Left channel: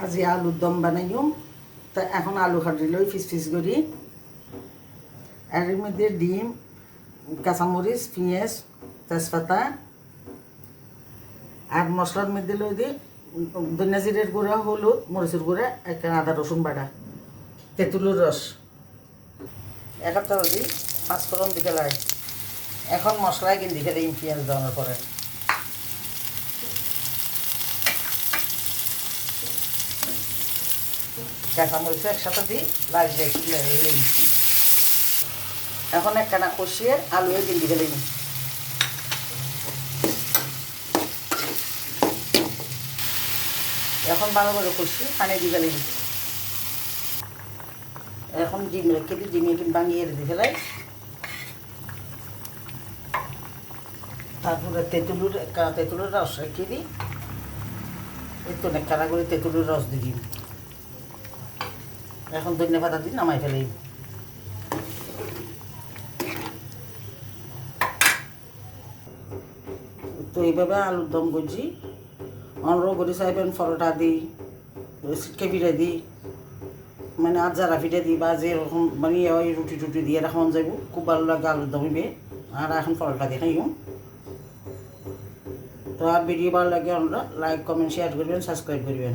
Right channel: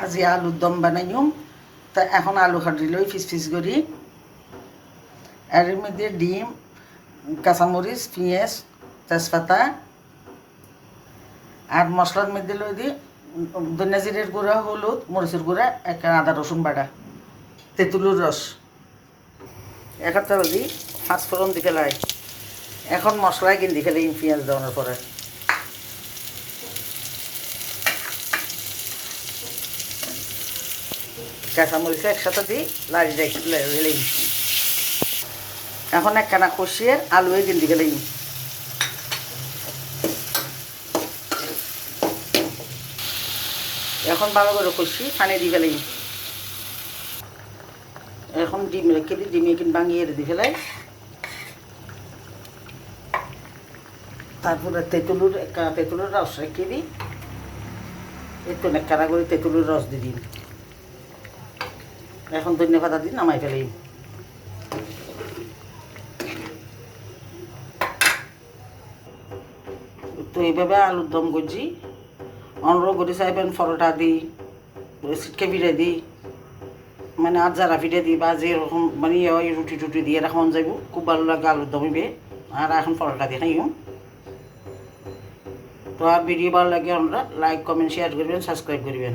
আজি আলুর দম বানাইম। তা এখন আলু কাটি লই পিস পিস করি। এর মধ্যে ডিম, কাঁচামরিচ, পেঁয়াজ, তেজপাতা আর মশলার মধ্যে লই দিই ধনিয়া জিরের গুঁড়া, হলুদ, মরিচের গুঁড়া, একটা আদা রসুন বাটা, তেঁতুলের রস, একটা দিই পাঁচফোড়ন দিকে লাই। এখন মশলা কিন দিকে দিই পেঁয়াজ দেওয়ার পরে। কাঁচামরিচ একসাথে দিই লাল দিলেই। এখন একখানা কষিয়ে আলু কিন দিকে দিই। এখন ভালো করে কষি পানি দিয়ে গেলেই। এখন ডিম রেখে দিই, ডিমে কিন ভাঙিয়ে দিয়ে ফেলাই। তারপরে তেঁতুলের রস রেখে দিই। একটু নেকড়া করে তেঁতুলের রস দিয়ে দিই। এখন ধনিয়া পাতা দিই নামাই ফেলাই। তো এইভাবে আলুর দম করছি। অনরও করে চাইবেন পরোটা দিই, সিটকে ফিরে দিই, মানে আর যারা ফিরে দিই বা যেরকম মানে ওই রুটি টুটি দিয়ে রাখা যাইব। খুব ভালো লাগে আলুর দমিবে। আর এখন পরোটা দিয়ে খাইম। তো আর ভিডিও ভালো লাগে আমরা লাইক, কমেন্ট, শেয়ার করবেন, সাবস্ক্রাইব করবেন।